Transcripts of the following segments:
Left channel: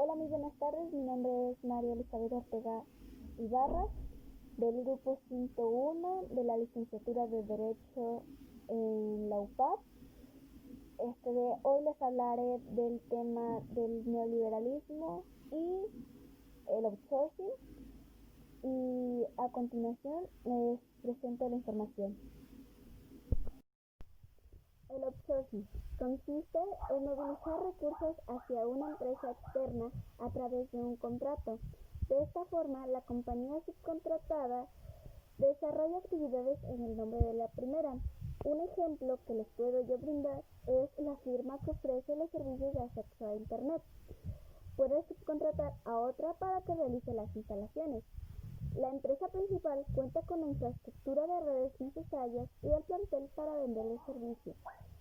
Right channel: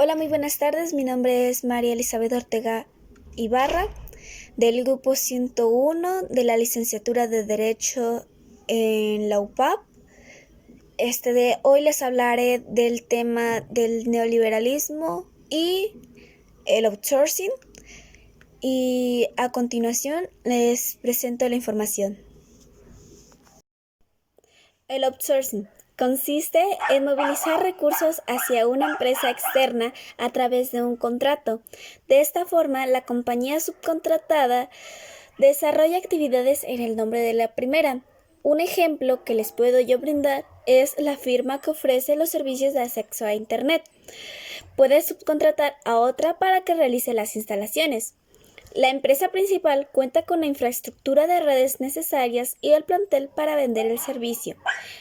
Hola, muy buenas tardes. Mi nombre es María Elizabeth Ortega Ibarra, del grupo 101 de la licenciatura de Derecho en la UPAP. Hoy les hablaré del tema del neoliberalismo y el outsourcing. Y a continuación les presento la información. El outsourcing consiste en movilizar recursos hacia una empresa externa a través de un contrato. De esta forma, la compañía subcontratada desarrolla actividades en el nombre de la primera. Un ejemplo que les puedo yo brindar es la firma que ofrece los servicios de acceso a Internet. Puede subcontratar a otra para que realice las instalaciones. La empresa principal cuenta con la infraestructura de redes necesarias y el plantel para vender el servicio.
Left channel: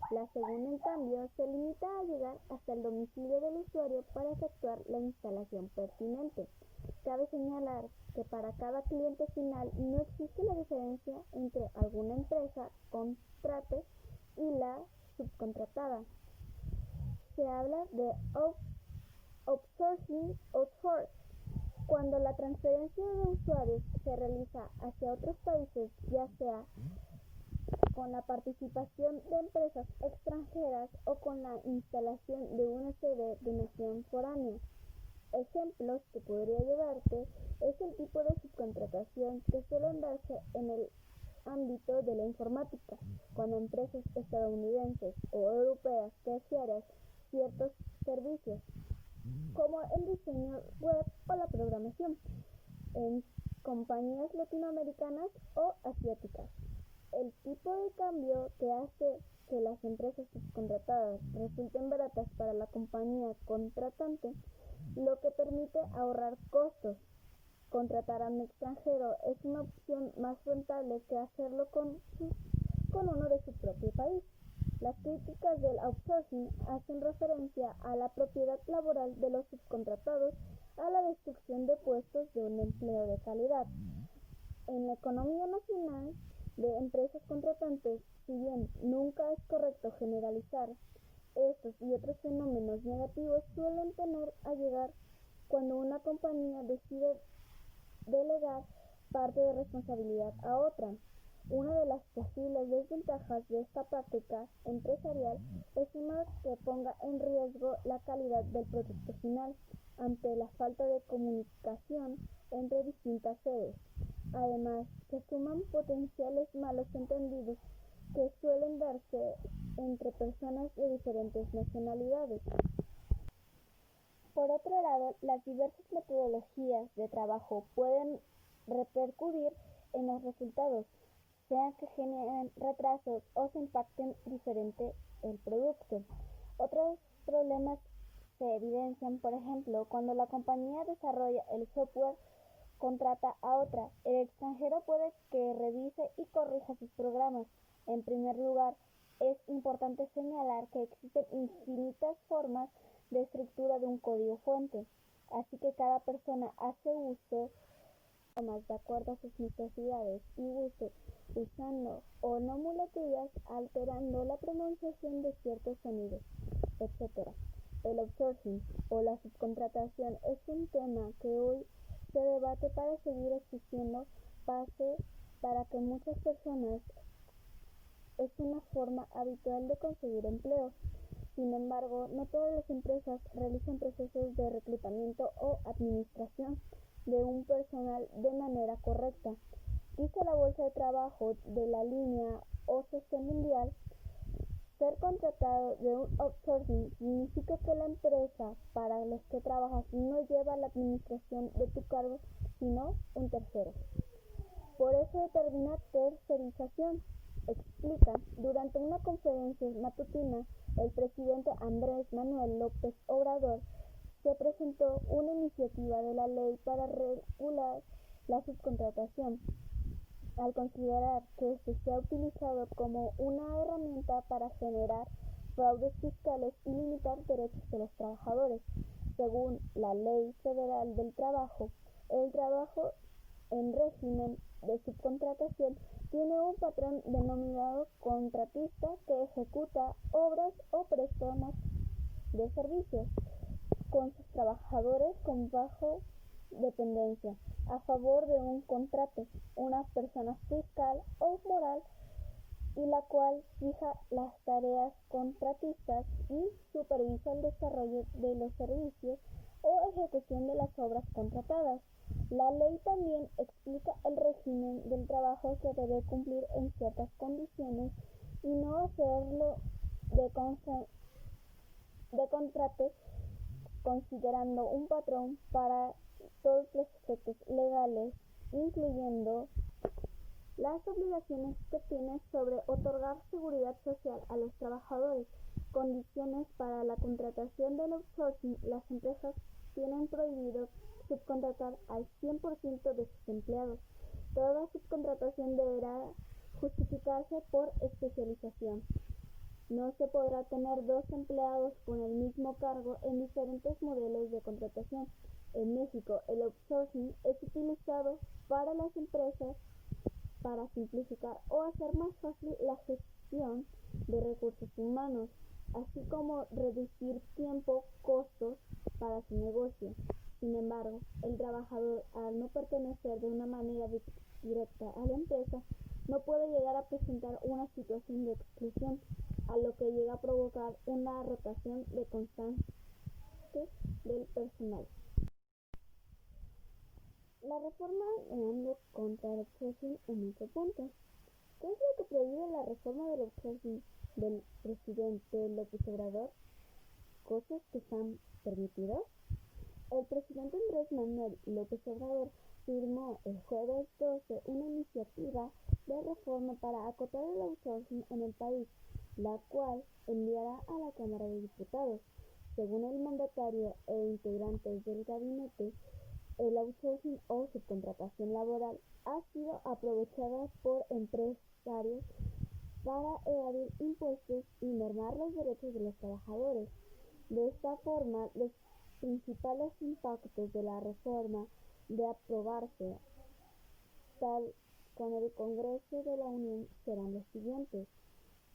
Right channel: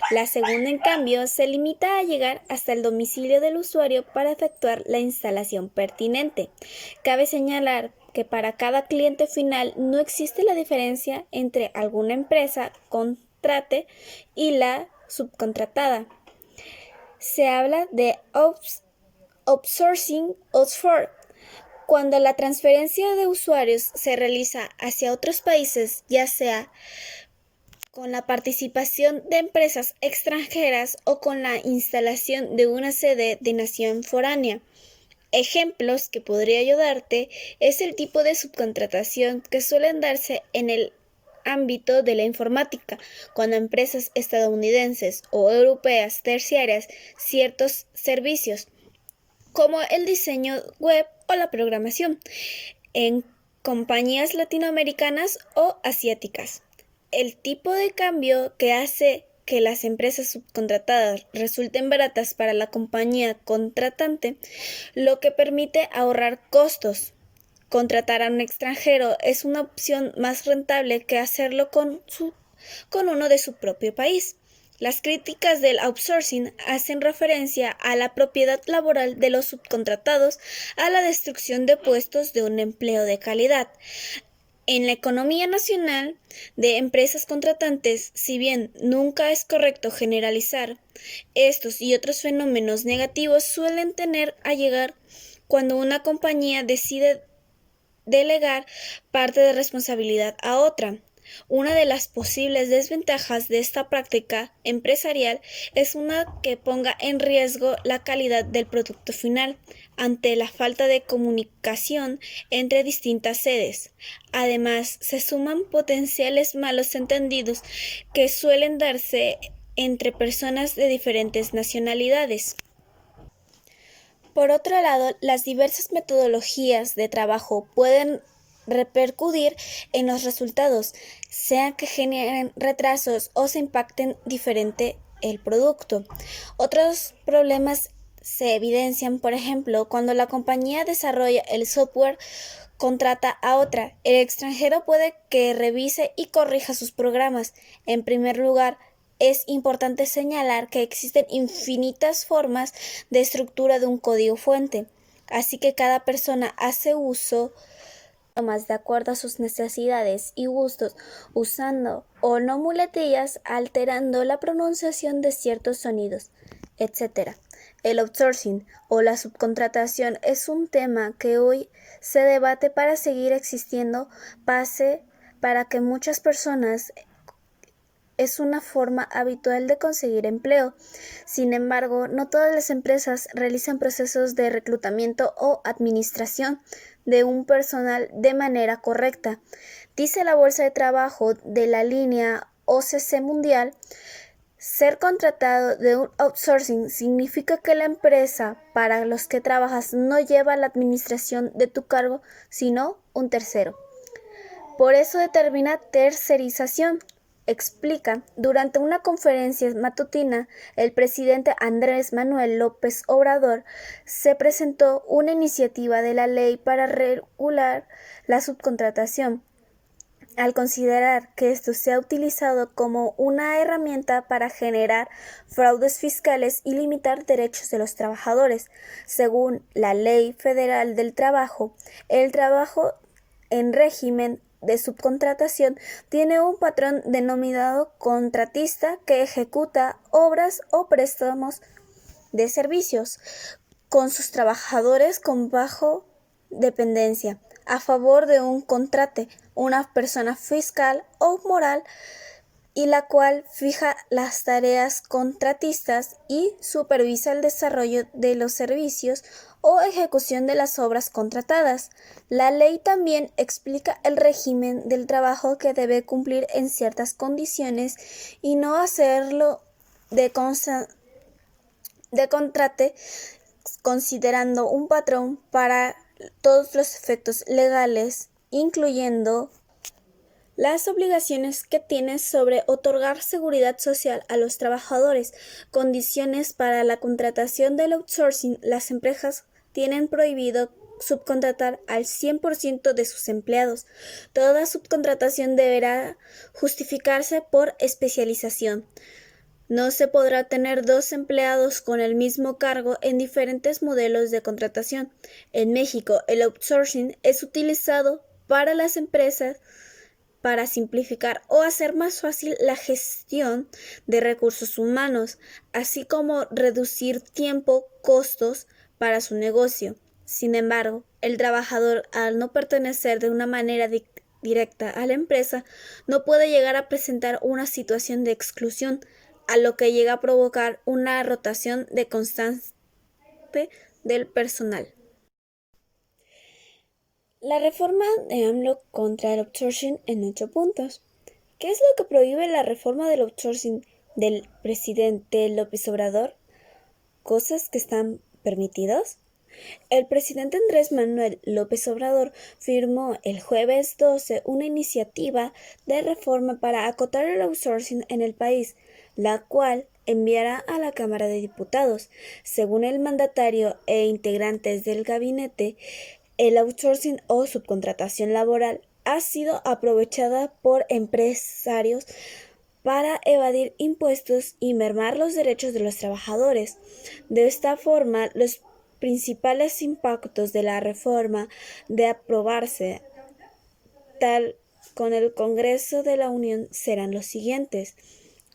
La segunda, en cambio, se limita a llegar hasta el domicilio del usuario para efectuar la instalación pertinente. Cabe señalar que para cada cliente final no existe la diferencia entre alguna empresa contrate y la subcontratada. Se habla de outsourcing cuando la transferencia de usuarios se realiza hacia otros países, ya sea con la participación de empresas extranjeras o con la instalación de una sede de nación foránea. Ejemplos que podría ayudarte es el tipo de subcontratación que suelen darse en el ámbito de la informática, cuando empresas estadounidenses o europeas terciarias ciertos servicios como el diseño web o la programación, en compañías latinoamericanas o asiáticas. El tipo de cambio que hace que las empresas subcontratadas resulten baratas para la compañía contratante, lo que permite ahorrar costos. Contratar a un extranjero es una opción más rentable que hacerlo con uno de su propio país. Las críticas del outsourcing hacen referencia a la propiedad laboral de los subcontratados, a la destrucción de puestos de un empleo de calidad. En la economía nacional de empresas contratantes, si bien nunca es correcto generalizar, estos y otros fenómenos negativos suelen tener a llegar cuando una compañía decide delegar parte de responsabilidad a otra. Una de las posibles desventajas de esta práctica empresarial es una que ponga en riesgo la calidad del producto final ante la falta de comunicación entre distintas sedes. Además, se suman potenciales malos entendidos que suelen darse entre personas de diferentes nacionalidades. Por otro lado, las diversas metodologías de trabajo pueden repercutir en los resultados, sea que generen retrasos o se impacten diferente el producto. Otros problemas se evidencian, por ejemplo, cuando la compañía desarrolla el software, contrata a otra. El extranjero puede que revise y corrija sus programas. En primer lugar, es importante señalar que existen infinitas formas de estructura de un código fuente, así que cada persona hace uso más de acuerdo a sus necesidades y gustos, usando o no muletillas, alterando la pronunciación de ciertos sonidos, etc. El outsourcing o la subcontratación es un tema que hoy se debate para seguir existiendo, para que muchas personas es una forma habitual de conseguir empleo. Sin embargo, no todas las empresas realizan procesos de reclutamiento o administración de un personal de manera correcta. Dice la Bolsa de Trabajo de la línea OCC Mundial: ser contratado de un outsourcing significa que la empresa para los que trabajas no lleva la administración de tu cargo, sino un tercero. Por eso determina tercerización. Explica, durante una conferencia matutina, el presidente Andrés Manuel López Obrador se presentó una iniciativa de la ley para regular la subcontratación, al considerar que esto se ha utilizado como una herramienta para generar fraudes fiscales y limitar derechos de los trabajadores. Según la Ley Federal del Trabajo, el trabajo en régimen de subcontratación tiene un patrón denominado contratista que ejecuta obras o préstamos de servicios con sus trabajadores con bajo dependencia, a favor de un contrate, una persona fiscal o moral, y la cual fija las tareas contratistas y supervisa el desarrollo de los servicios o ejecución de las obras contratadas. La ley también explica el régimen del trabajo que debe cumplir en ciertas condiciones y no hacerlo de contrate, considerando un patrón para todos los efectos legales, incluyendo las obligaciones que tiene sobre otorgar seguridad social a los trabajadores, condiciones para la contratación del outsourcing. Las empresas tienen prohibido subcontratar al 100% de sus empleados. Toda subcontratación deberá justificarse por especialización. No se podrá tener dos empleados con el mismo cargo en diferentes modelos de contratación. En México, el outsourcing es utilizado para las empresas para simplificar o hacer más fácil la gestión de recursos humanos, así como reducir tiempo, costos para su negocio. Sin embargo, el trabajador, al no pertenecer de una manera directa a la empresa, no puede llegar a presentar una situación de exclusión, a lo que llega a provocar una rotación de constante del personal. La reforma de AMLO contra el outsourcing en 8 puntos. ¿Qué es lo que prohíbe la reforma del outsourcing del presidente López Obrador? ¿Cosas que están permitidas? El presidente Andrés Manuel López Obrador firmó el jueves 12 una iniciativa de reforma para acotar el outsourcing en el país, la cual enviará a la Cámara de Diputados. Según el mandatario e integrantes del gabinete, el outsourcing o subcontratación laboral ha sido aprovechada por empresarios para evadir impuestos y mermar los derechos de los trabajadores. De esta forma, los principales impactos de la reforma, de aprobarse tal con el Congreso de la Unión, serán los siguientes.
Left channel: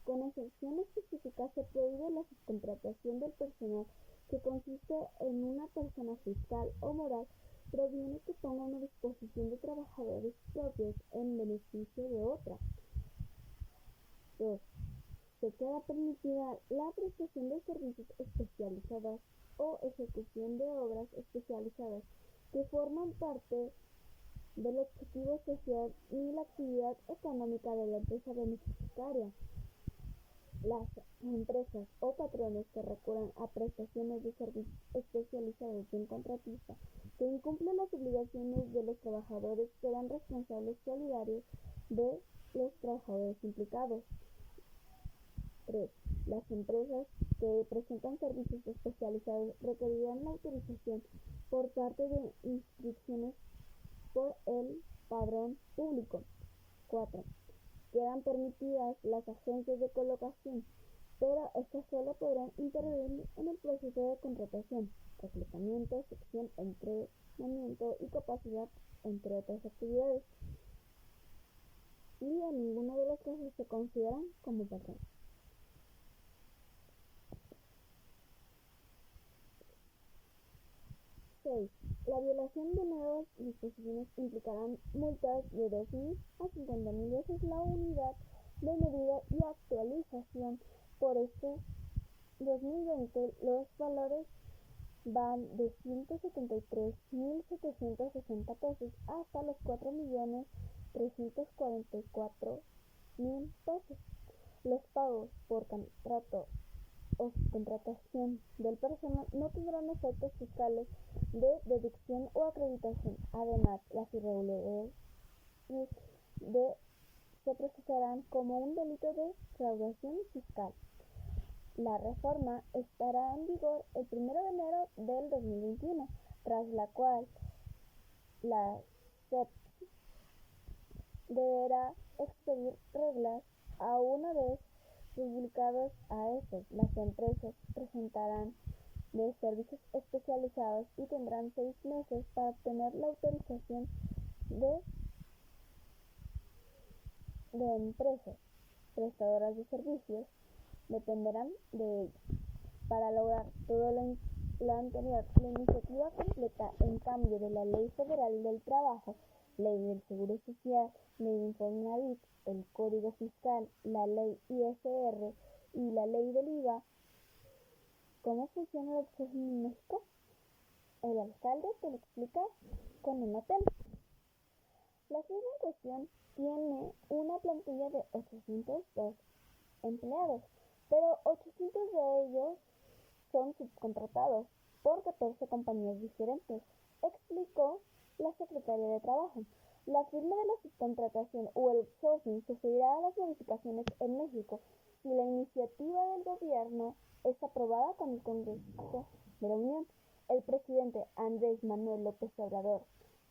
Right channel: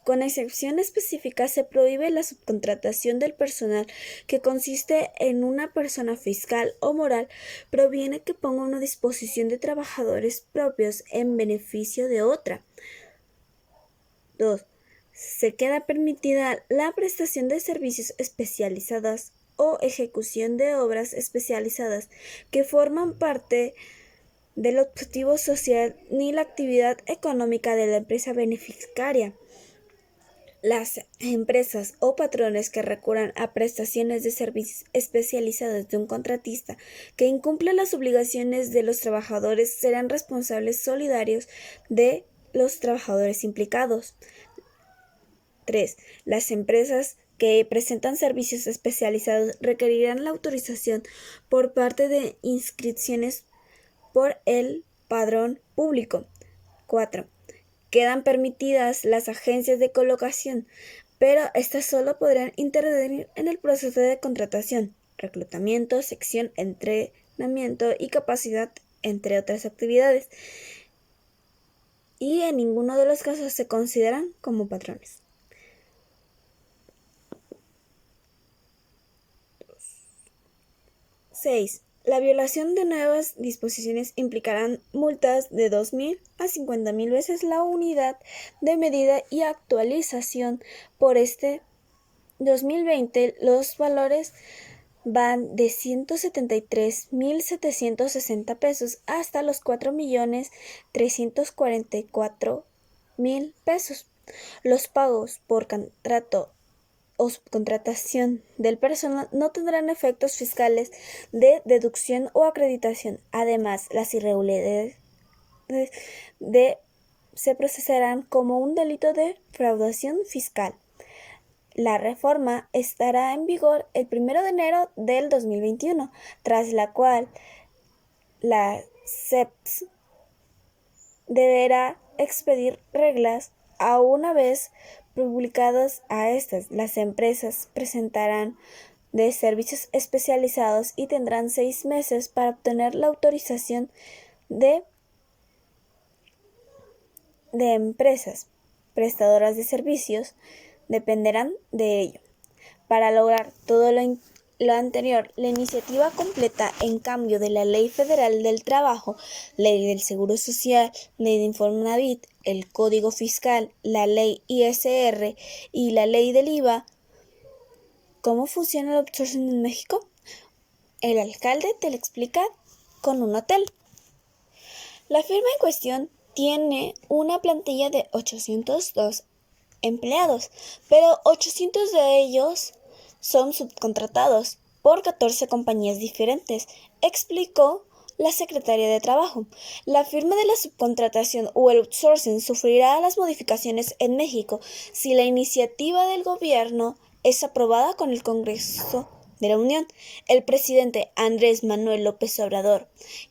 Con excepción específica, se prohíbe la subcontratación del personal, que consiste en una persona fiscal o moral proviene que ponga una disposición de trabajadores propios en beneficio de otra. 2. Se queda permitida la prestación de servicios especializados o ejecución de obras especializadas que forman parte del objetivo social ni la actividad económica de la empresa beneficiaria. Las empresas o patrones que recurran a prestaciones de servicios especializados de un contratista que incumple las obligaciones de los trabajadores serán responsables solidarios de los trabajadores implicados. 3. Las empresas que presentan servicios especializados requerirán la autorización por parte de inscripciones por el padrón público. 4. Quedan permitidas las agencias de colocación, pero estas solo podrán intervenir en el proceso de contratación, reclutamiento, selección, entrenamiento y capacidad, entre otras actividades, y en ninguno de los casos se consideran como patrones. 6. La violación de nuevas disposiciones implicarán multas de 2.000 a 50.000 veces la unidad de medida y actualización. Por este 2020, los valores van de 173.760 pesos hasta los 4.344.000 pesos. Los pagos por contrato o subcontratación del personal no tendrán efectos fiscales de deducción o acreditación. Además, las irregularidades se procesarán como un delito de fraudación fiscal. La reforma estará en vigor el 1 de enero del 2021, tras la cual la CEPS deberá expedir reglas. A una vez publicadas a estas, las empresas presentarán de servicios especializados y tendrán 6 meses para obtener la autorización de empresas prestadoras de servicios dependerán de ello. Para lograr todo lo lo anterior, la iniciativa completa, en cambio, de la Ley Federal del Trabajo, Ley del Seguro Social, Ley de Infonavit, el Código Fiscal, la Ley ISR y la Ley del IVA. ¿Cómo funciona el outsourcing en México? El alcalde te lo explica con un hotel. La firma en cuestión tiene una plantilla de 802 empleados, pero 800 de ellos son subcontratados por 14 compañías diferentes, explicó la secretaria de Trabajo. La firma de la subcontratación o el outsourcing sufrirá las modificaciones en México si la iniciativa del gobierno es aprobada con el Congreso de la Unión. El presidente Andrés Manuel López Obrador,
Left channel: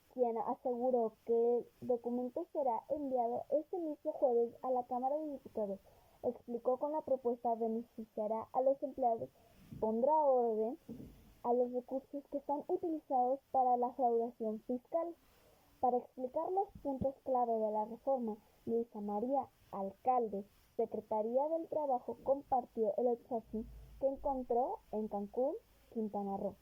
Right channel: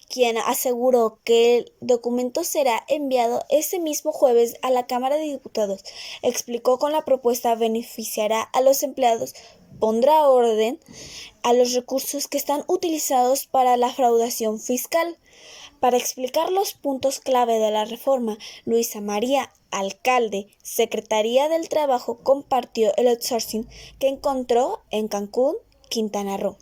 quien aseguró que el documento será enviado ese mismo jueves a la Cámara de Diputados, explicó que la propuesta beneficiará a los empleados, pondrá orden a los recursos que están utilizados para la fraudación fiscal. Para explicar los puntos clave de la reforma, Luisa María Alcalde, Secretaría del Trabajo, compartió el outsourcing que encontró en Cancún, Quintana Roo.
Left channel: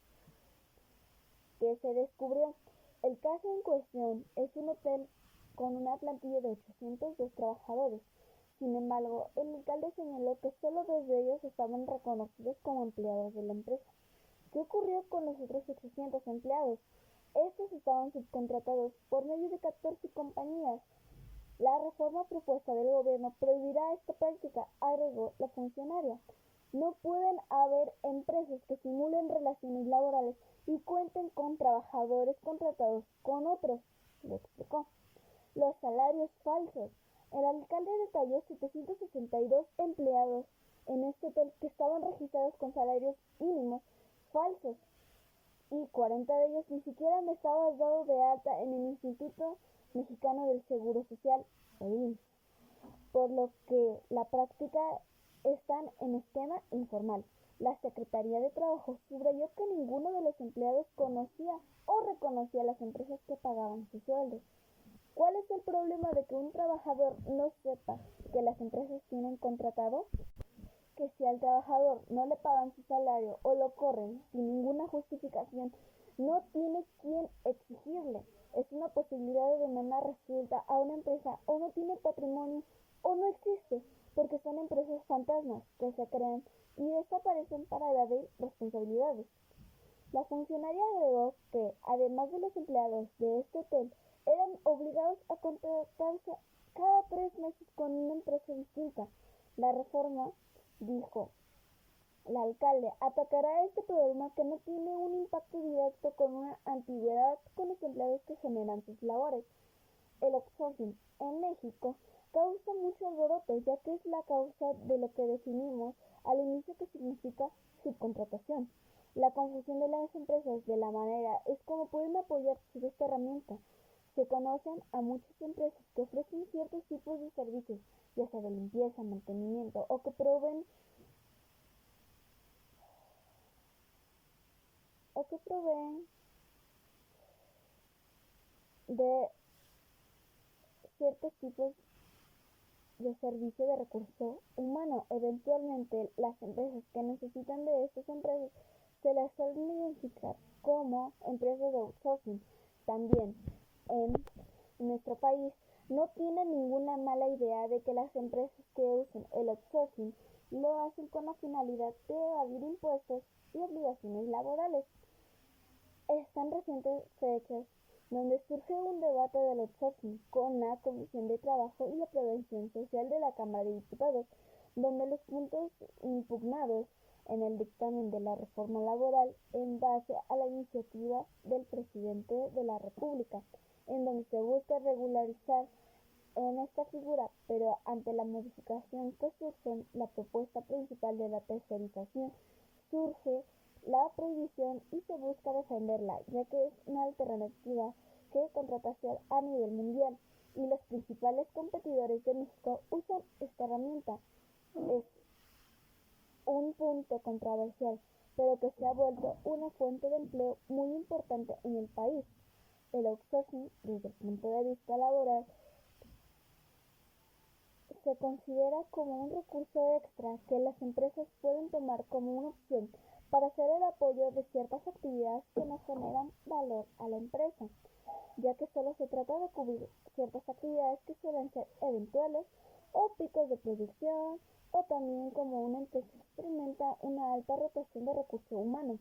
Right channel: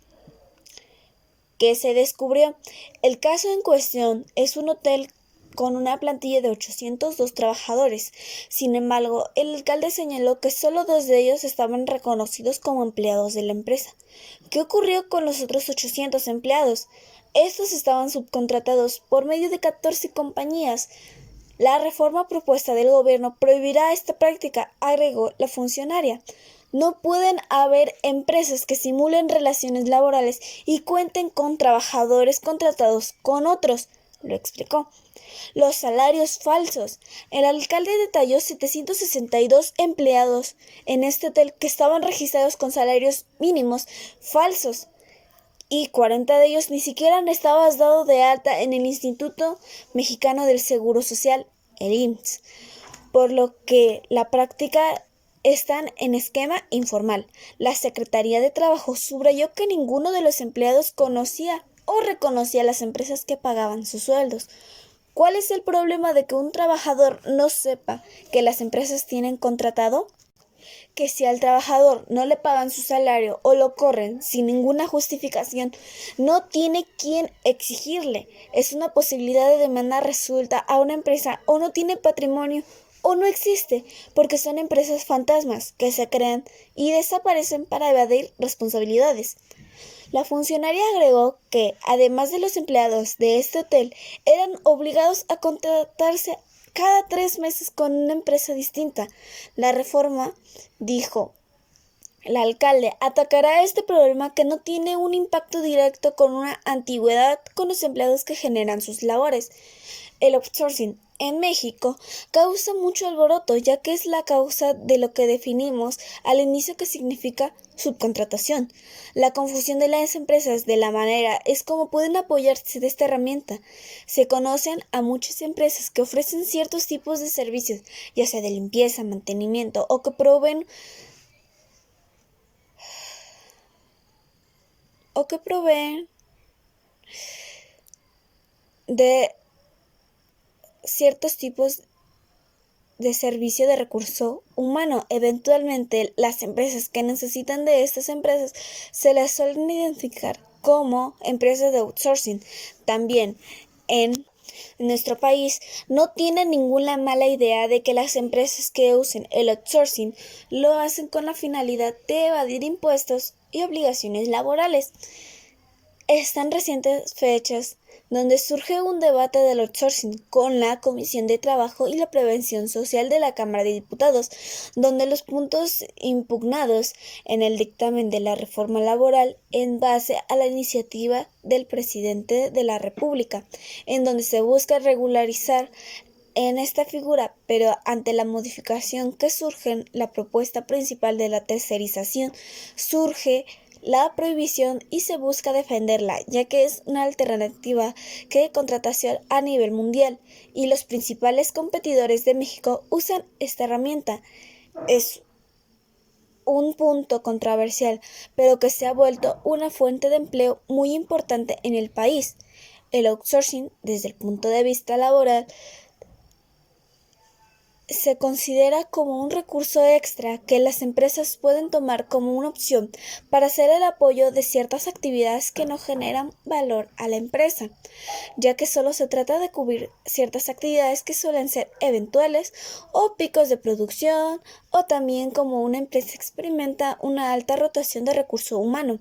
¿Qué se descubrió? El caso en cuestión es un hotel con una plantilla de 802 trabajadores. Sin embargo, el alcalde señaló que solo 2 de ellos estaban reconocidos como empleados de la empresa. ¿Qué ocurrió con los otros 800 empleados? Estos estaban subcontratados por medio de 14 compañías. La reforma propuesta del gobierno prohibirá esta práctica, agregó la funcionaria. No pueden haber empresas que simulen relaciones laborales y cuenten con trabajadores contratados con otros, lo explicó. Los salarios falsos. El alcalde detalló 762 empleados en este hotel que estaban registrados con salarios mínimos falsos y 40 de ellos ni siquiera estaban dados de alta en el Instituto Mexicano del Seguro Social, el IMSS, por lo que la práctica están en esquema informal. La Secretaría de Trabajo subrayó que ninguno de los empleados conocía o reconocía las empresas que pagaban sus sueldos. ¿Cuál es el problema de que un trabajador no sepa que las empresas tienen contratado? Que si al trabajador no le pagan su salario o lo corren sin ninguna justificación, no tiene quien exigirle. Es una posibilidad de demanda resuelta a una empresa o no tiene patrimonio o no existe, porque son empresas fantasmas que se crean y desaparecen para evadir responsabilidades. La funcionaria agregó que, además de los empleados de este hotel, eran obligados a contratarse cada 3 meses con una empresa distinta. La reforma, dijo el alcalde, atacará este problema que no tiene un impacto directo con una antigüedad con los empleados que generan sus labores. El outsourcing en México causa mucho alboroto, ya que es la causa de lo que definimos al inicio que significa subcontratación. La confusión de las empresas de la manera es como pueden apoyarse de esta herramienta. Se conocen a muchas empresas que ofrecen ciertos tipos de servicios, ya sea de limpieza, mantenimiento o que proveen de ciertos tipos de servicio de recurso humano. Eventualmente, las empresas que necesitan de estas empresas se las suelen identificar como empresas de outsourcing. También en nuestro país no tienen ninguna mala idea de que las empresas que usen el outsourcing lo hacen con la finalidad de evadir impuestos y obligaciones laborales. Están recientes fechas donde surge un debate del outsourcing con la Comisión de Trabajo y la Prevención Social de la Cámara de Diputados, donde los puntos impugnados en el dictamen de la reforma laboral en base a la iniciativa del presidente de la República, en donde se busca regularizar en esta figura, pero ante la modificación que surge, la propuesta principal de la tercerización surge la prohibición y se busca defenderla, ya que es una alternativa que de contratación a nivel mundial y los principales competidores de México usan esta herramienta. Es un punto controversial, pero que se ha vuelto una fuente de empleo muy importante en el país. El outsourcing, desde el punto de vista laboral, se considera como un recurso extra que las empresas pueden tomar como una opción para hacer el apoyo de ciertas actividades que no generan valor a la empresa, ya que solo se trata de cubrir ciertas actividades que suelen ser eventuales o picos de producción, o también como una empresa experimenta una alta rotación de recurso humano.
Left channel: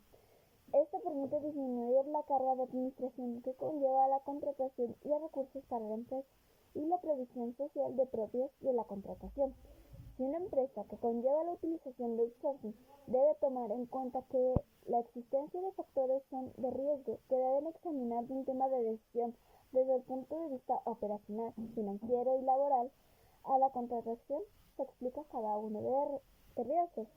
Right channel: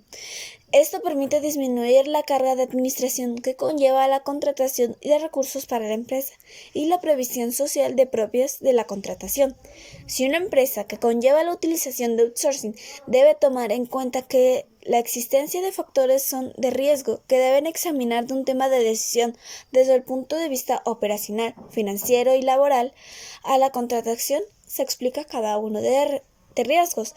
Esto permite disminuir la carga de administración que conlleva la contratación de recursos para la empresa y la previsión social de propias de la contratación. Si una empresa que conlleva la utilización de outsourcing debe tomar en cuenta que la existencia de factores son de riesgo que deben examinar de un tema de decisión desde el punto de vista operacional, financiero y laboral, a la contratación se explica cada uno de riesgos.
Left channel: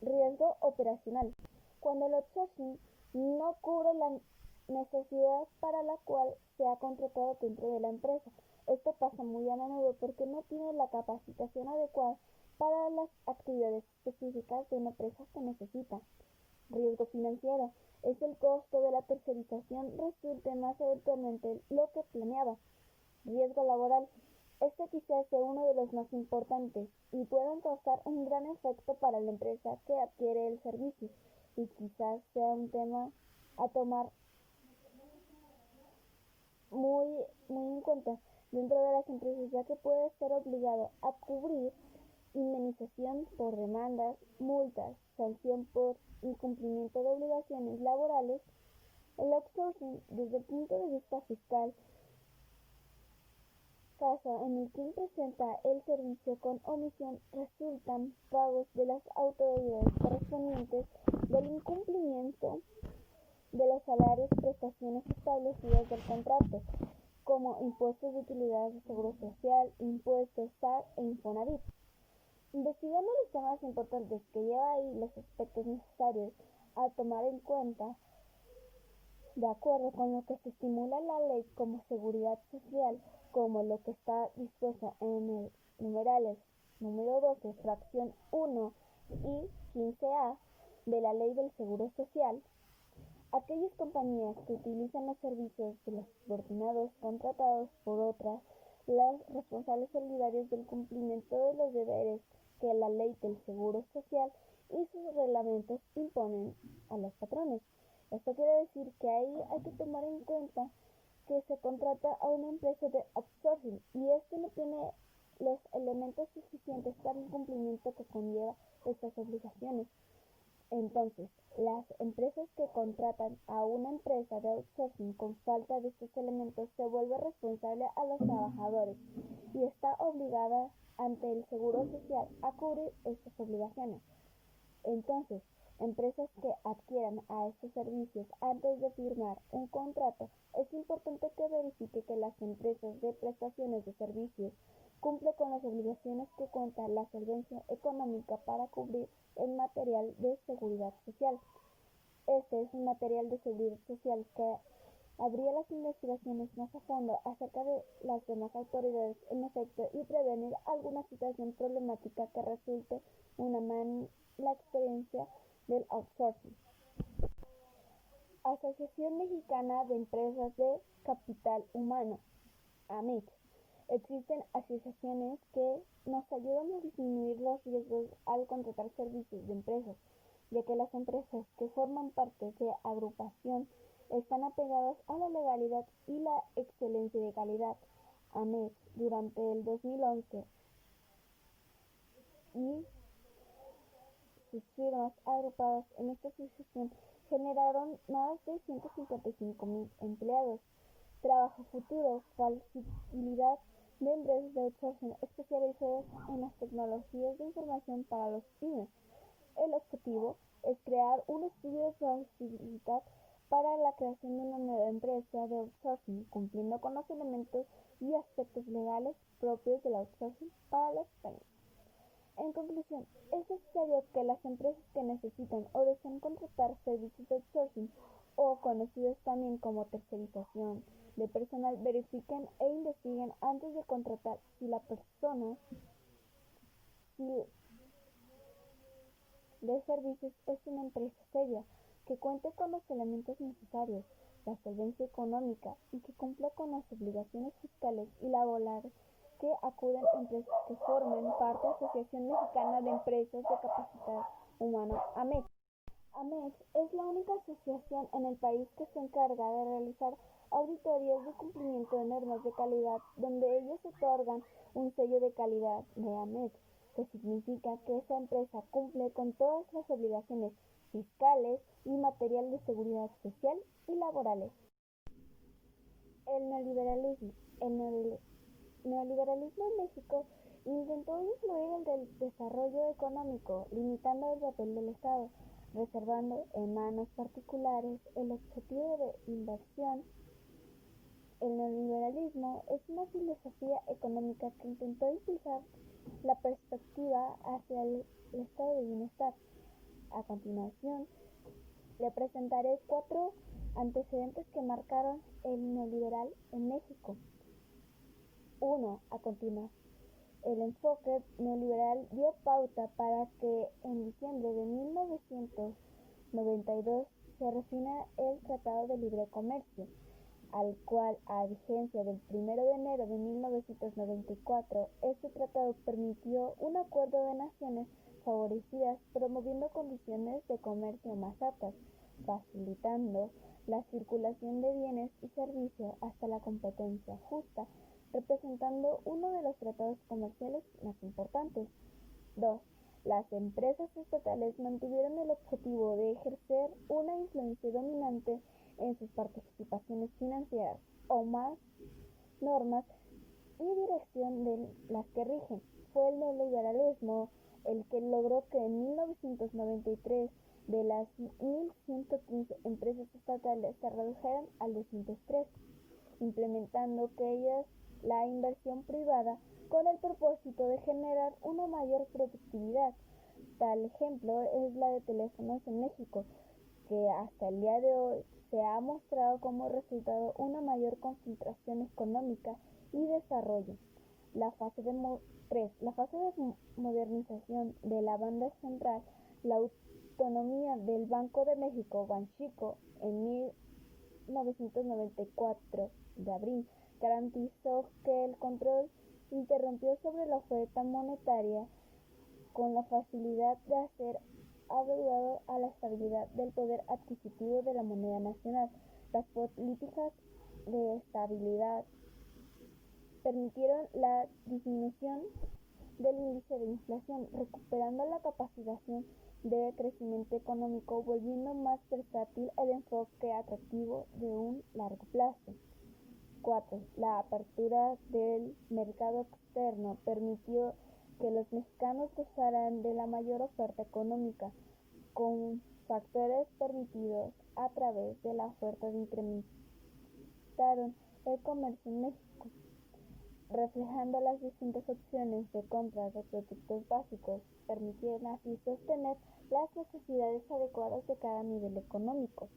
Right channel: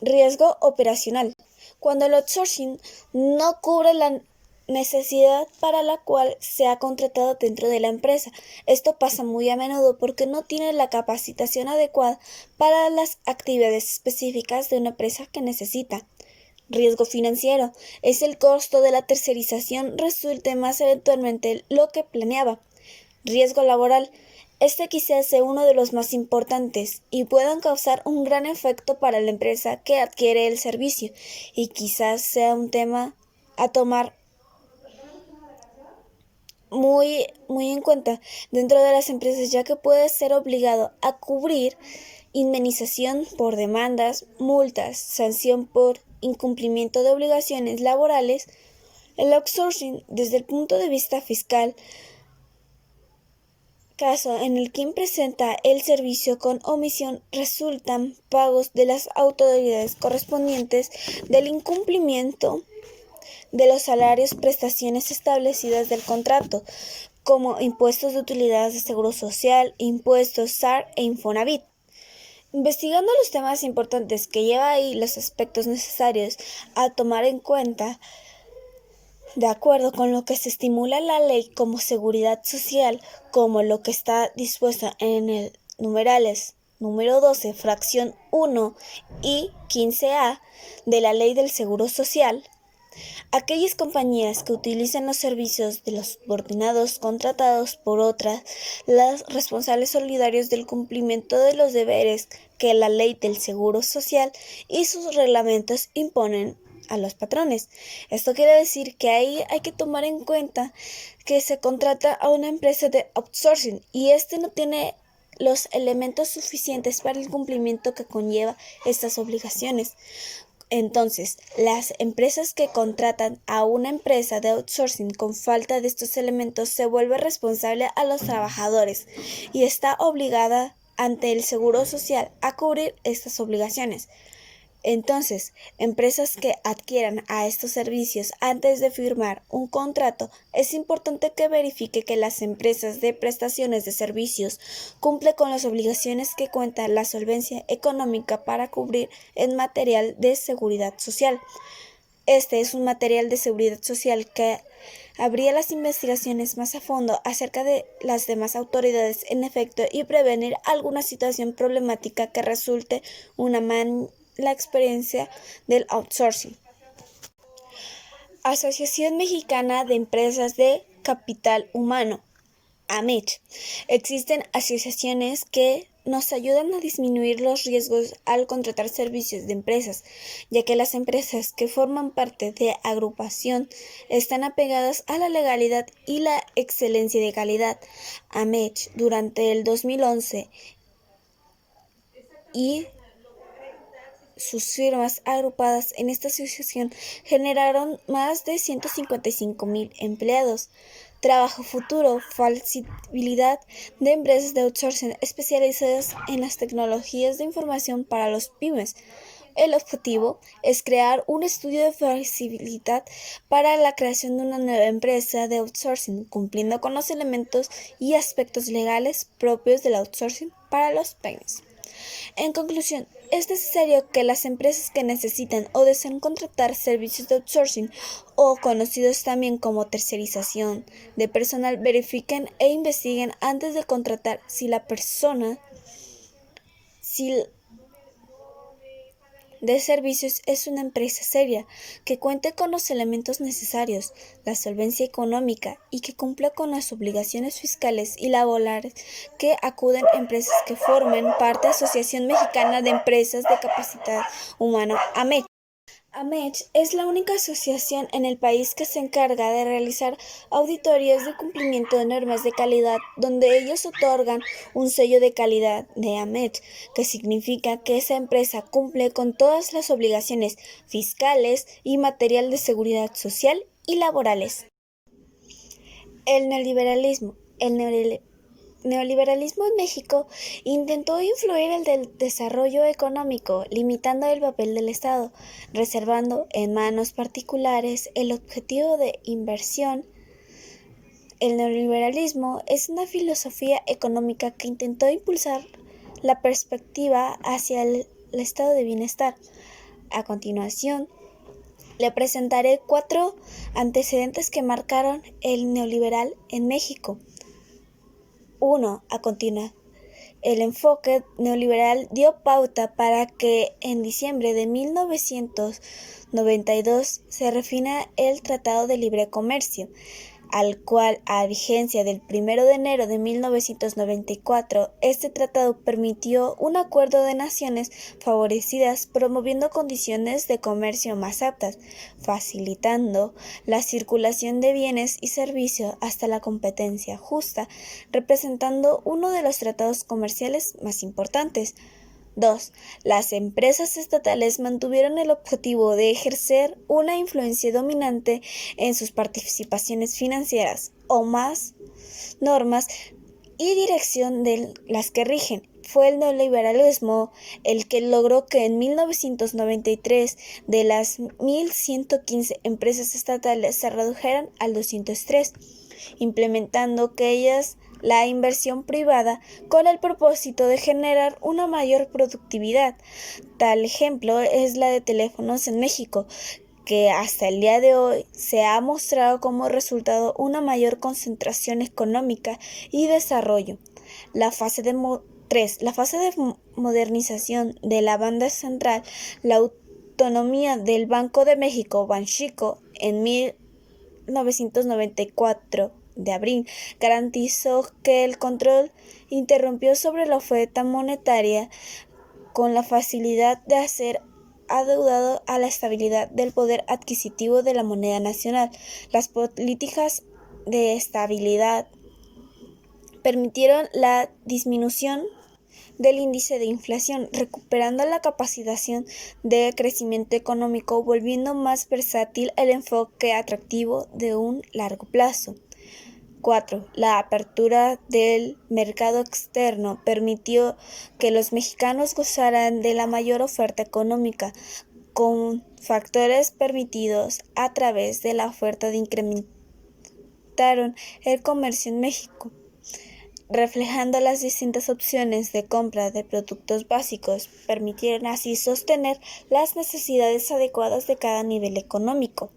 Riesgo operacional. Cuando el outsourcing no cubre la necesidad para la cual se ha contratado dentro de la empresa. Esto pasa muy a menudo porque no tiene la capacitación adecuada para las actividades específicas de una empresa que necesita. Riesgo financiero. Es el costo de la tercerización resulte más eventualmente lo que planeaba. Riesgo laboral. Este quizás sea uno de los más importantes y puedan causar un gran efecto para la empresa que adquiere el servicio, y quizás sea un tema a tomar muy en cuenta dentro de las empresas, ya que puede ser obligado a cubrir indemnización por demandas, multas, sanción por incumplimiento de obligaciones laborales. El outsourcing, desde el punto de vista fiscal, caso en el quien presenta el servicio con omisión resultan pagos de las autoridades correspondientes del incumplimiento de los salarios, prestaciones establecidas del contrato, como impuestos de utilidades de seguro social, impuestos SAR e Infonavit. Investigando los temas importantes que lleva ahí los aspectos necesarios a tomar en cuenta, de acuerdo con lo que se estimula la ley como seguridad social, como lo que está dispuesto en el numerales número 12, fracción 1 y 15A de la Ley del Seguro Social, aquellas compañías que utilizan los servicios de los subordinados contratados por otras, las responsables solidarios del cumplimiento de los deberes que la Ley del Seguro Social y sus reglamentos imponen a los patrones. Esto quiere decir que ahí hay que tomar en cuenta que se contrata a una empresa de outsourcing y este no tiene los elementos suficientes para el cumplimiento que conlleva estas obligaciones. Entonces, las empresas que contratan a una empresa de outsourcing con falta de estos elementos se vuelve responsable a los trabajadores y está obligada ante el Seguro Social a cubrir estas obligaciones. Entonces, empresas que adquieran a estos servicios antes de firmar un contrato, es importante que verifique que las empresas de prestaciones de servicios cumplen con las obligaciones que cuenta la solvencia económica para cubrir el material de seguridad social. Este es un material de seguridad social que habría las investigaciones más a fondo acerca de las demás autoridades en efecto y prevenir alguna situación problemática que resulte la experiencia del outsourcing. Asociación Mexicana de Empresas de Capital Humano, AMECH. Existen asociaciones que nos ayudan a disminuir los riesgos al contratar servicios de empresas, ya que las empresas que forman parte de agrupación están apegadas a la legalidad y la excelencia de calidad. AMECH durante el 2011 y sus firmas agrupadas en esta asociación generaron más de 155,000 empleados. Trabajo futuro, flexibilidad de empresas de outsourcing especializadas en las tecnologías de información para los pymes. El objetivo es crear un estudio de flexibilidad para la creación de una nueva empresa de outsourcing, cumpliendo con los elementos y aspectos legales propios del outsourcing para los pymes. En conclusión, es necesario que las empresas que necesitan o desean contratar servicios de outsourcing o conocidos también como tercerización de personal verifiquen e investiguen antes de contratar si de servicios es una empresa seria, que cuente con los elementos necesarios, la solvencia económica y que cumpla con las obligaciones fiscales y laborales que acuden empresas que formen parte de la Asociación Mexicana de Empresas de Capacidad Humana, AMEC. AMECH es la única asociación en el país que se encarga de realizar auditorías de cumplimiento de normas de calidad, donde ellos otorgan un sello de calidad de AMECH, que significa que esa empresa cumple con todas las obligaciones fiscales y material de seguridad social y laborales. El neoliberalismo. Neoliberalismo en México intentó influir el del desarrollo económico, limitando el papel del Estado, reservando en manos particulares el objetivo de inversión. El neoliberalismo es una filosofía económica que intentó impulsar la perspectiva hacia el estado de bienestar. A continuación, le presentaré 4 antecedentes que marcaron el neoliberal en México. 1. A continuación, el enfoque neoliberal dio pauta para que en diciembre de 1992 se refina el Tratado de Libre Comercio, al cual, a vigencia del 1 de enero de 1994, este tratado permitió un acuerdo de naciones favorecidas promoviendo condiciones de comercio más aptas, facilitando la circulación de bienes y servicios hasta la competencia justa, representando uno de los tratados comerciales más importantes. 2. Las empresas estatales mantuvieron el objetivo de ejercer una influencia dominante en sus participaciones financieras o más normas y dirección de las que rigen. Fue el neoliberalismo el que logró que en 1993 de las 1.115 empresas estatales se redujeran al 203, implementando que ellas la inversión privada con el propósito de generar una mayor productividad. Tal ejemplo es la de Teléfonos en México, que hasta el día de hoy se ha mostrado como resultado una mayor concentración económica y desarrollo. La fase de 3. La fase de modernización de la banda central, la autonomía del Banco de México, Banxico, en 1994 de abril, garantizó que el control interrumpió sobre la oferta monetaria con la facilidad de hacer adeudado a la estabilidad del poder adquisitivo de la moneda nacional. Las políticas de estabilidad permitieron la disminución del índice de inflación, recuperando la capacidad de crecimiento económico, volviendo más versátil el enfoque atractivo de un largo plazo. 4. La apertura del mercado externo permitió que los mexicanos gozaran de la mayor oferta económica, con factores permitidos a través de la oferta de incrementaron el comercio en México, reflejando las distintas opciones de compra de productos básicos, permitieron así sostener las necesidades adecuadas de cada nivel económico.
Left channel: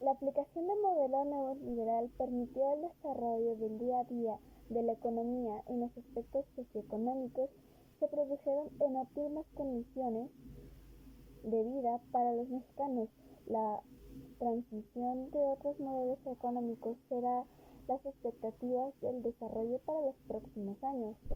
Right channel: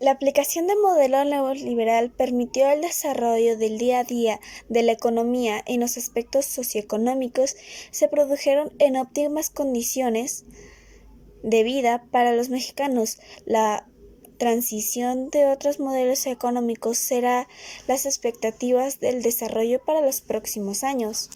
La aplicación del modelo neoliberal permitió el desarrollo del día a día de la economía en los aspectos socioeconómicos. Se produjeron en óptimas condiciones de vida para los mexicanos. La transición de otros modelos económicos será las expectativas del desarrollo para los próximos años.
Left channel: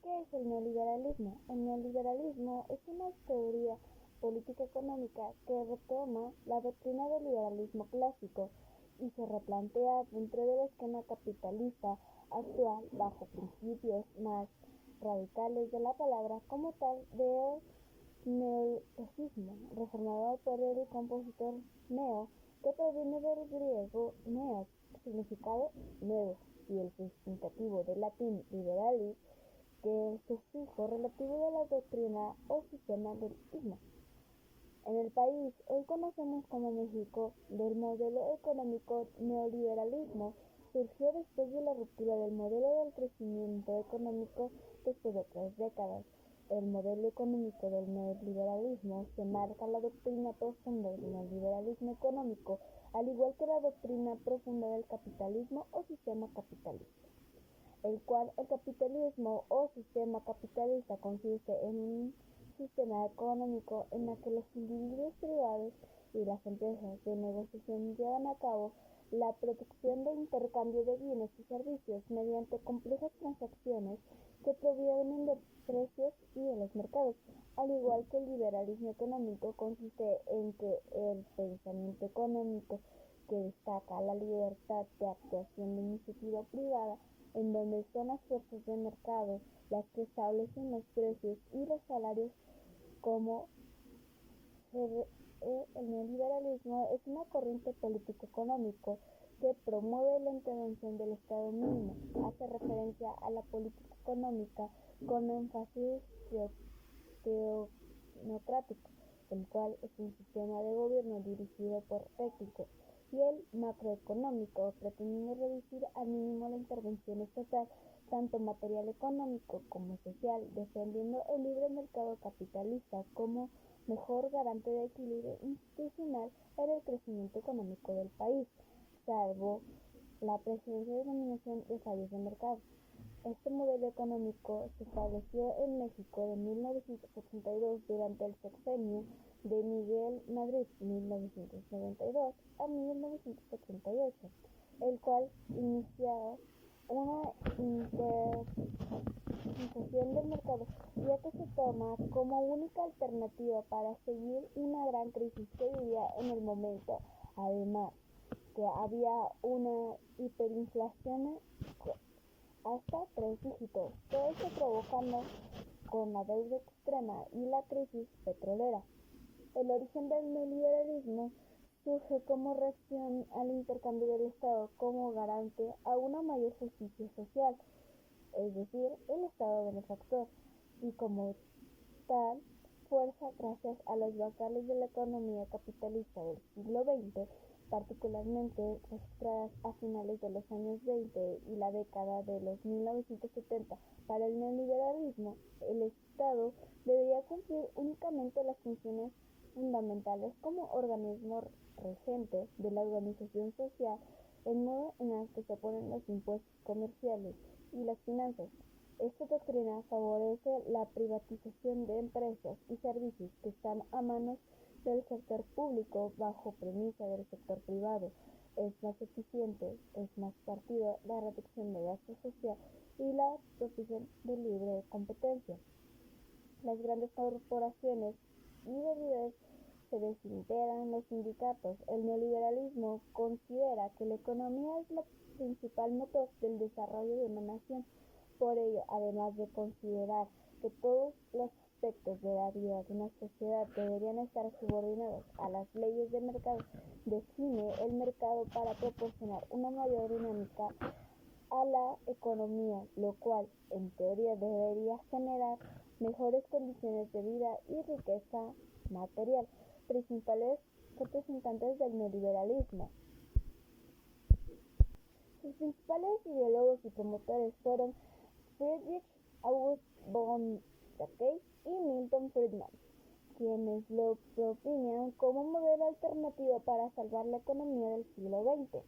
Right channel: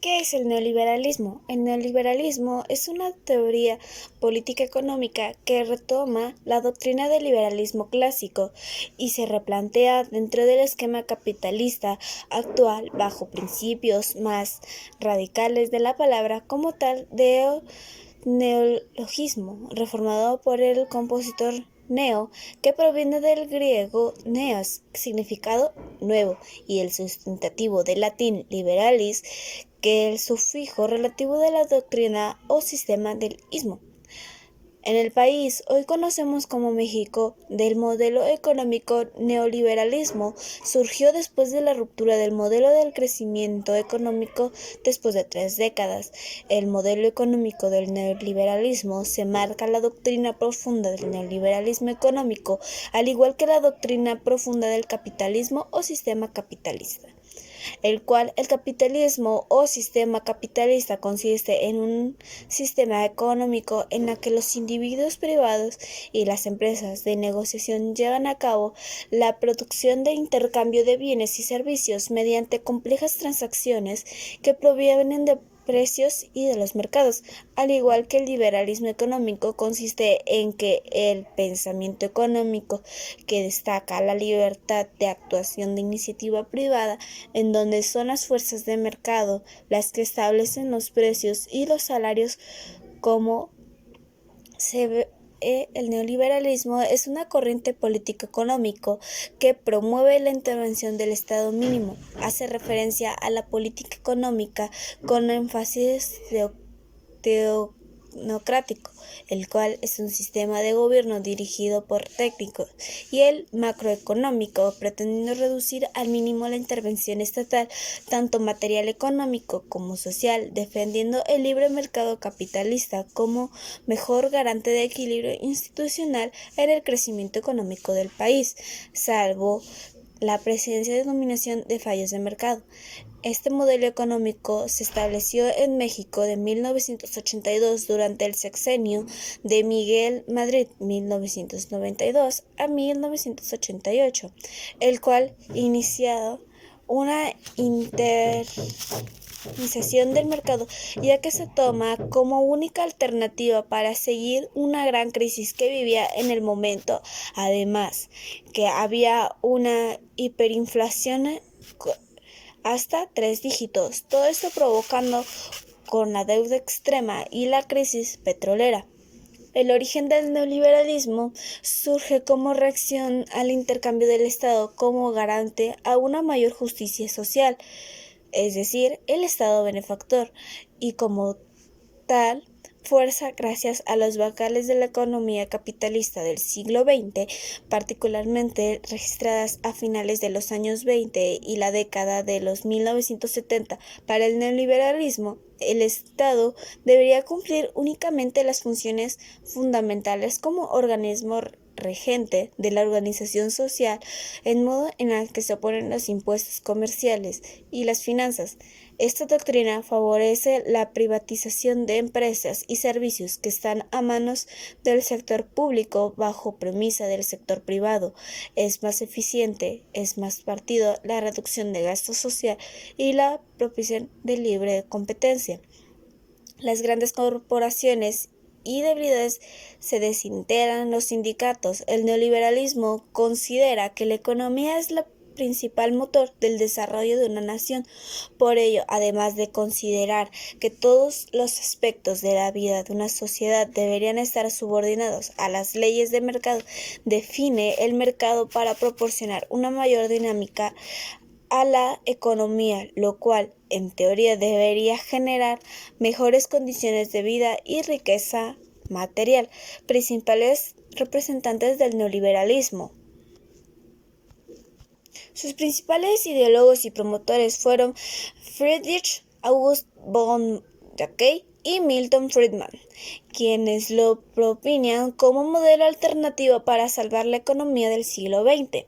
¿Qué es el neoliberalismo? El neoliberalismo es una teoría política económica que retoma la doctrina del liberalismo clásico y se replantea dentro del esquema capitalista actual bajo principios más radicales de la palabra como tal de neologismo, reformado por el compositor neo, que proviene del griego neos, significado nuevo, y el sustantivo del latín liberalis, que es el sufijo relativo de la doctrina o sistema del ismo. En el país hoy conocemos como México, del modelo económico neoliberalismo surgió después de la ruptura del modelo del crecimiento económico después de 3 décadas. El modelo económico del neoliberalismo se marca la doctrina profunda del neoliberalismo económico, al igual que la doctrina profunda del capitalismo o sistema capitalista. el cual el capitalismo o sistema capitalista consiste en un sistema económico en el que los individuos privados y las empresas de negociación llevan a cabo la producción de intercambio de bienes y servicios mediante complejas transacciones que provienen de precios y de los mercados. Al igual que el liberalismo económico, consiste en que el pensamiento económico que destaca la libertad de actuación de iniciativa privada, en donde son las fuerzas de mercado las que establecen los precios y los salarios. Como se ve, el neoliberalismo es una corriente político-económico que promueve la intervención del Estado mínimo. Hace referencia a la política económica con énfasis teocrático, el cual es un sistema de gobierno dirigido por técnicos, y el macroeconómico, pretendiendo reducir al mínimo la intervención estatal, tanto material económico como social, defendiendo el libre mercado capitalista como mejor garante de equilibrio institucional en el crecimiento económico del país, salvo la presencia de dominación de fallos de mercado. Este modelo económico se estableció en México de 1982 durante el sexenio de Miguel Madrid 1992 a 1988, el cual inició una internalización del mercado, ya que se toma como única alternativa para seguir una gran crisis que vivía en el momento, además que había una hiperinflación hasta 3 dígitos, todo esto provocando con la deuda extrema y la crisis petrolera. El origen del neoliberalismo surge como reacción al intercambio del Estado como garante a una mayor justicia social, es decir, el Estado benefactor, y como tal fuerza gracias a los bancales de la economía capitalista del siglo XX, particularmente registradas a finales de los años 20 y la década de los 1970. Para el neoliberalismo, el Estado debería cumplir únicamente las funciones fundamentales como organismo regente de la organización social, en modo en el que se oponen los impuestos comerciales y las finanzas. Esta doctrina favorece la privatización de empresas y servicios que están a manos del sector público bajo premisa del sector privado. Es más eficiente, es más partido la reducción de gasto social y la propicia de libre competencia. Las grandes corporaciones y debilidades se desintegran los sindicatos. El neoliberalismo considera que la economía es la principal motor del desarrollo de una nación. Por ello, además de considerar que todos los aspectos de la vida de una sociedad deberían estar subordinados a las leyes de mercado, define el mercado para proporcionar una mayor dinámica a la economía, lo cual en teoría debería generar mejores condiciones de vida y riqueza material. Principales representantes del neoliberalismo. Sus principales ideólogos y promotores fueron Friedrich August von Jacquet y Milton Friedman, quienes lo proponían como modelo alternativo para salvar la economía del siglo XX.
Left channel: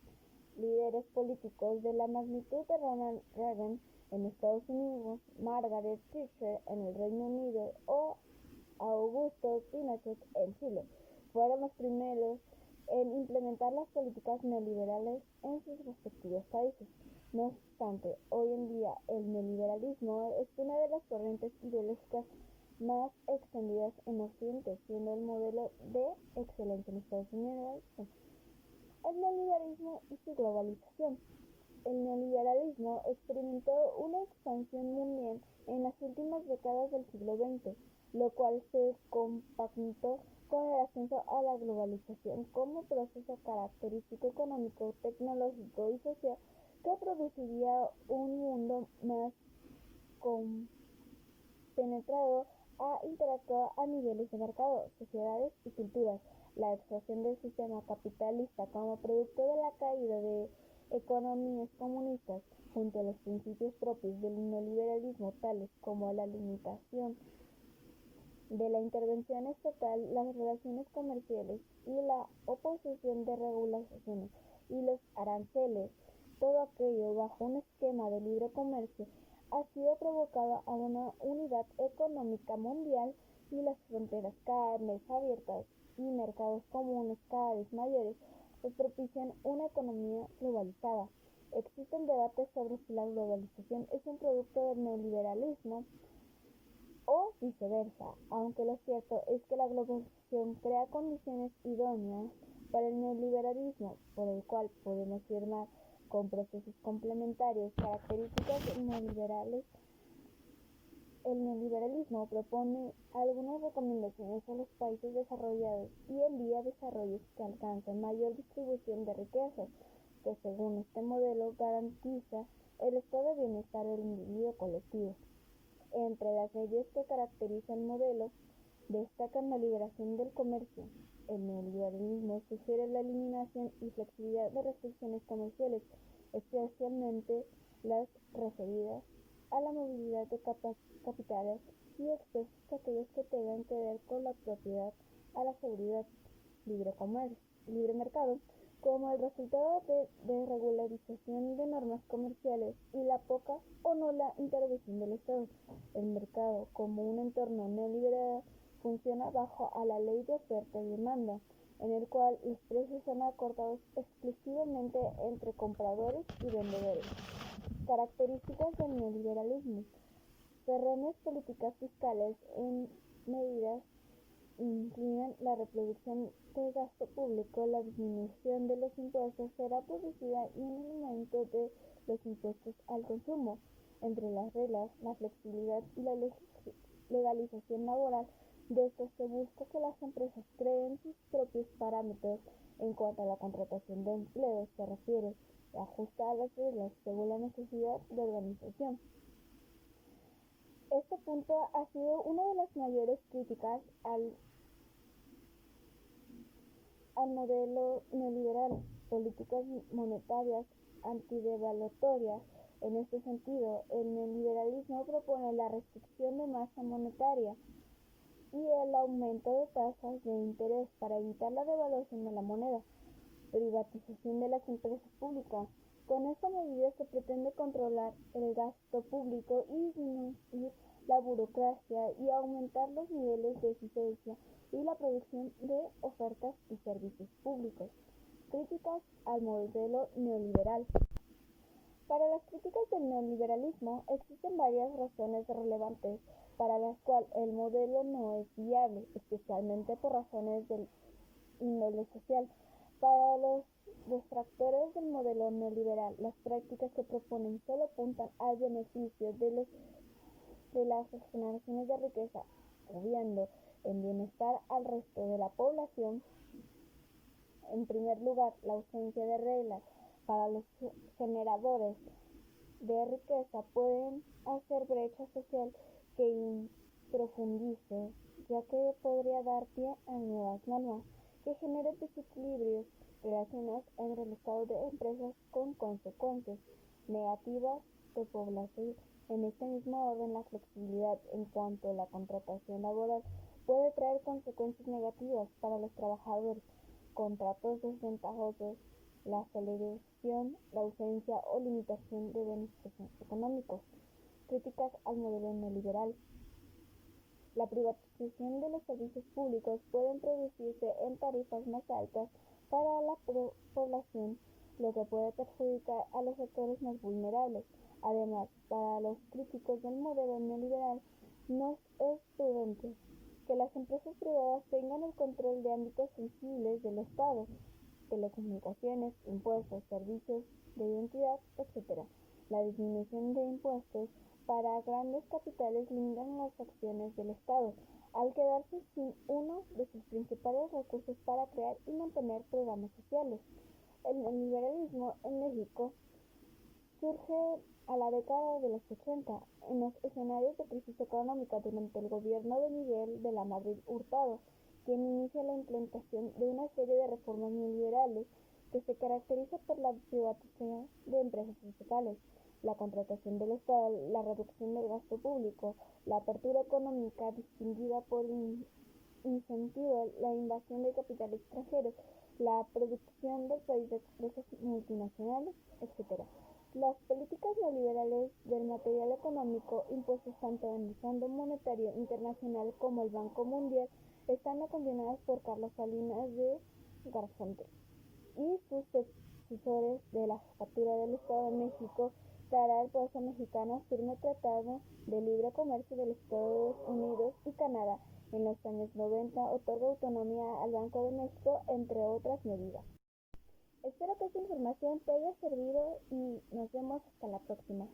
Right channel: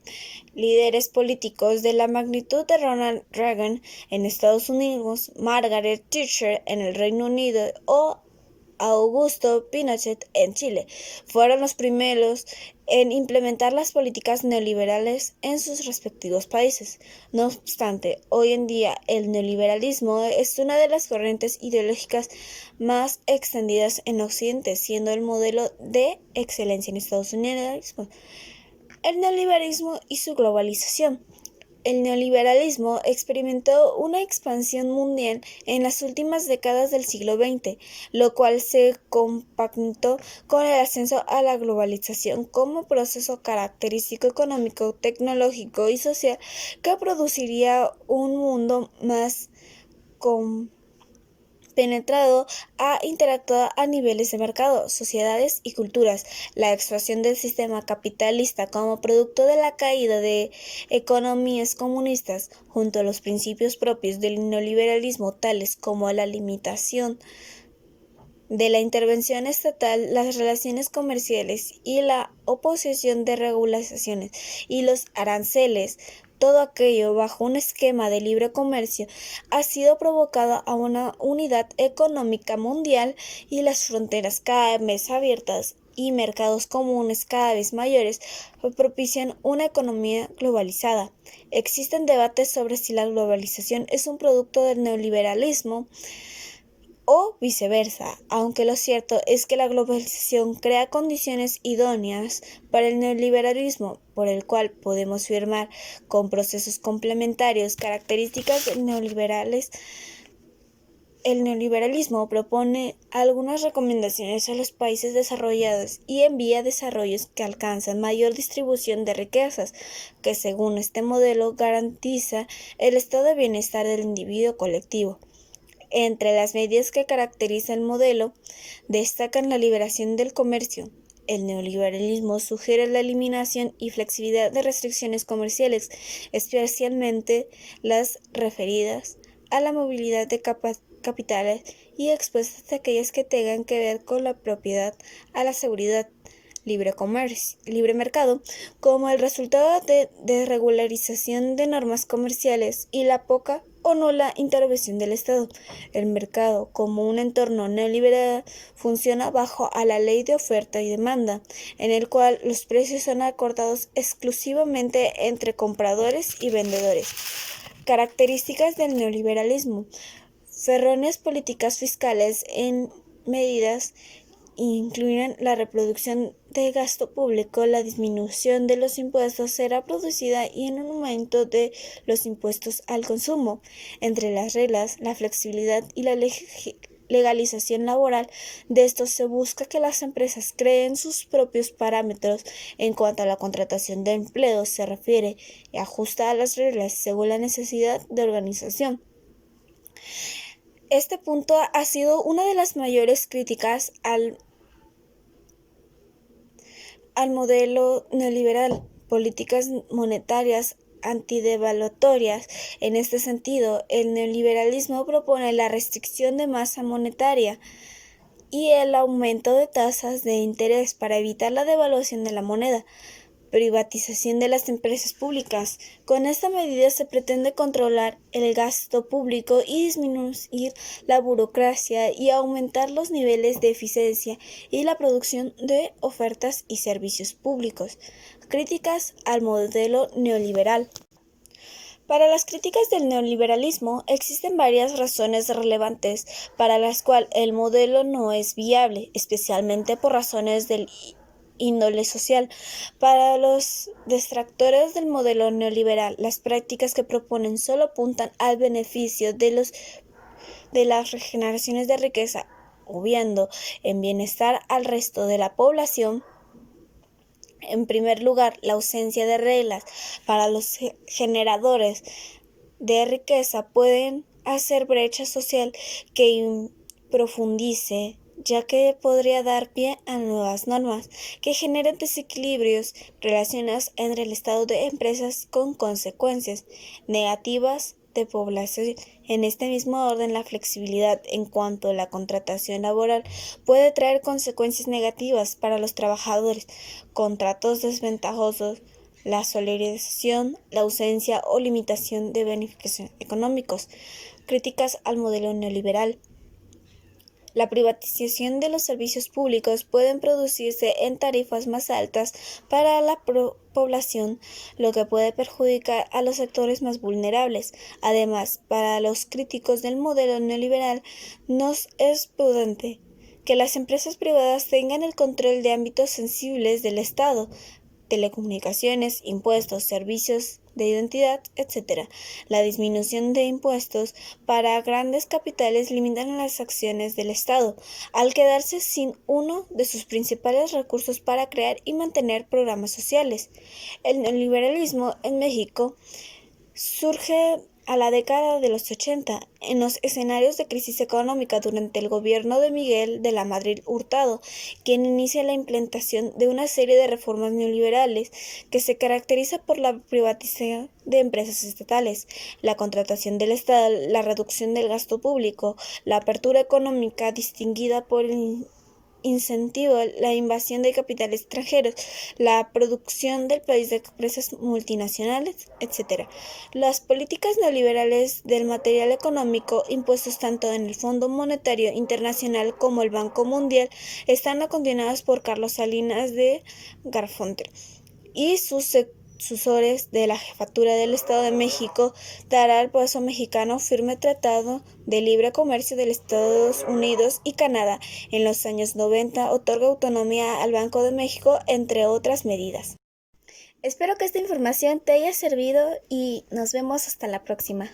Líderes políticos de la magnitud de Ronald Reagan en Estados Unidos, Margaret Thatcher en el Reino Unido o Augusto Pinochet en Chile, fueron los primeros en implementar las políticas neoliberales en sus respectivos países. No obstante, hoy en día el neoliberalismo es una de las corrientes ideológicas más extendidas en Occidente, siendo el modelo de excelencia en Estados Unidos. El neoliberalismo y su globalización. El neoliberalismo experimentó una expansión mundial en las últimas décadas del siglo XX, lo cual se compactó con el ascenso a la globalización como proceso característico económico, tecnológico y social que produciría un mundo más penetrado ha interactuado a niveles de mercado, sociedades y culturas. La expansión del sistema capitalista como producto de la caída de economías comunistas, junto a los principios propios del neoliberalismo, tales como la limitación de la intervención estatal, las relaciones comerciales y la oposición de regulaciones y los aranceles, Todo aquello bajo un esquema de libre comercio ha sido provocado a una unidad económica mundial y las fronteras cada vez abiertas y mercados comunes cada vez mayores propician una economía globalizada. Existen debates sobre si la globalización es un producto del neoliberalismo o viceversa, aunque lo cierto es que la globalización crea condiciones idóneas para el neoliberalismo, por el cual podemos firmar con procesos complementarios características del neoliberales. El neoliberalismo propone algunas recomendaciones a los países desarrollados y en vía de desarrollo que alcanzan mayor distribución de riquezas, que según este modelo garantiza el estado de bienestar del individuo colectivo. Entre las medidas que caracterizan el modelo, destacan la liberación del comercio. El neoliberalismo sugiere la eliminación y flexibilidad de restricciones comerciales, especialmente las referidas a la movilidad de capitales y expuestas a aquellas que tengan que ver con la propiedad, a la seguridad, libre mercado, como el resultado de desregularización de normas comerciales y la poca o nula intervención del Estado. El mercado, como un entorno neoliberal, funciona bajo a la ley de oferta y demanda, en el cual los precios son acordados exclusivamente entre compradores y vendedores. Características del neoliberalismo: erróneas políticas fiscales en medidas incluyen la reproducción de gasto público. La disminución de los impuestos será producida y en un aumento de los impuestos al consumo. Entre las reglas, la flexibilidad y la legalización laboral de estos se busca que las empresas creen sus propios parámetros en cuanto a la contratación de empleo se refiere y ajusta a las reglas según la necesidad de organización. Este punto ha sido una de las mayores críticas al modelo neoliberal, políticas monetarias antidevaluatorias. En este sentido, el neoliberalismo propone la restricción de masa monetaria y el aumento de tasas de interés para evitar la devaluación de la moneda. Privatización de las empresas públicas. Con esta medida se pretende controlar el gasto público y disminuir la burocracia y aumentar los niveles de eficiencia y la producción de ofertas y servicios públicos. Críticas al modelo neoliberal. Para las críticas del neoliberalismo existen varias razones relevantes para las cuales el modelo no es viable, especialmente por razones del índole social. Para los detractores del modelo neoliberal, las prácticas que proponen solo apuntan al beneficio de las regeneraciones de riqueza, obviando en bienestar al resto de la población. En primer lugar, la ausencia de reglas para los generadores de riqueza pueden hacer brecha social que profundice, ya que podría dar pie a nuevas normas que generen desequilibrios relacionados entre el estado de empresas con consecuencias negativas de población. En este mismo orden, la flexibilidad en cuanto a la contratación laboral puede traer consecuencias negativas para los trabajadores, contratos desventajosos, la solidarización, la ausencia o limitación de beneficios económicos. Críticas al modelo neoliberal. La privatización de los servicios públicos puede producirse en tarifas más altas para la población, lo que puede perjudicar a los sectores más vulnerables. Además, para los críticos del modelo neoliberal, no es prudente que las empresas privadas tengan el control de ámbitos sensibles del Estado, telecomunicaciones, impuestos, servicios de identidad, etc. La disminución de impuestos para grandes capitales limitan las acciones del Estado, al quedarse sin uno de sus principales recursos para crear y mantener programas sociales. El neoliberalismo en México surge a la década de los 80, en los escenarios de crisis económica durante el gobierno de Miguel de la Madrid Hurtado, quien inicia la implementación de una serie de reformas neoliberales que se caracteriza por la privatización de empresas estatales, la contratación del Estado, la reducción del gasto público, la apertura económica distinguida por el incentivo la invasión de capitales extranjeros, la producción del país de empresas multinacionales, etc. Las políticas neoliberales del material económico impuestos tanto en el Fondo Monetario Internacional como el Banco Mundial están continuadas por Carlos Salinas de Garfunkel y sus sucesores de la jefatura del Estado de México dará al pueblo mexicano firme tratado de libre comercio de los Estados Unidos y Canadá. En los años 90 otorga autonomía al Banco de México, entre otras medidas. Espero que esta información te haya servido y nos vemos hasta la próxima.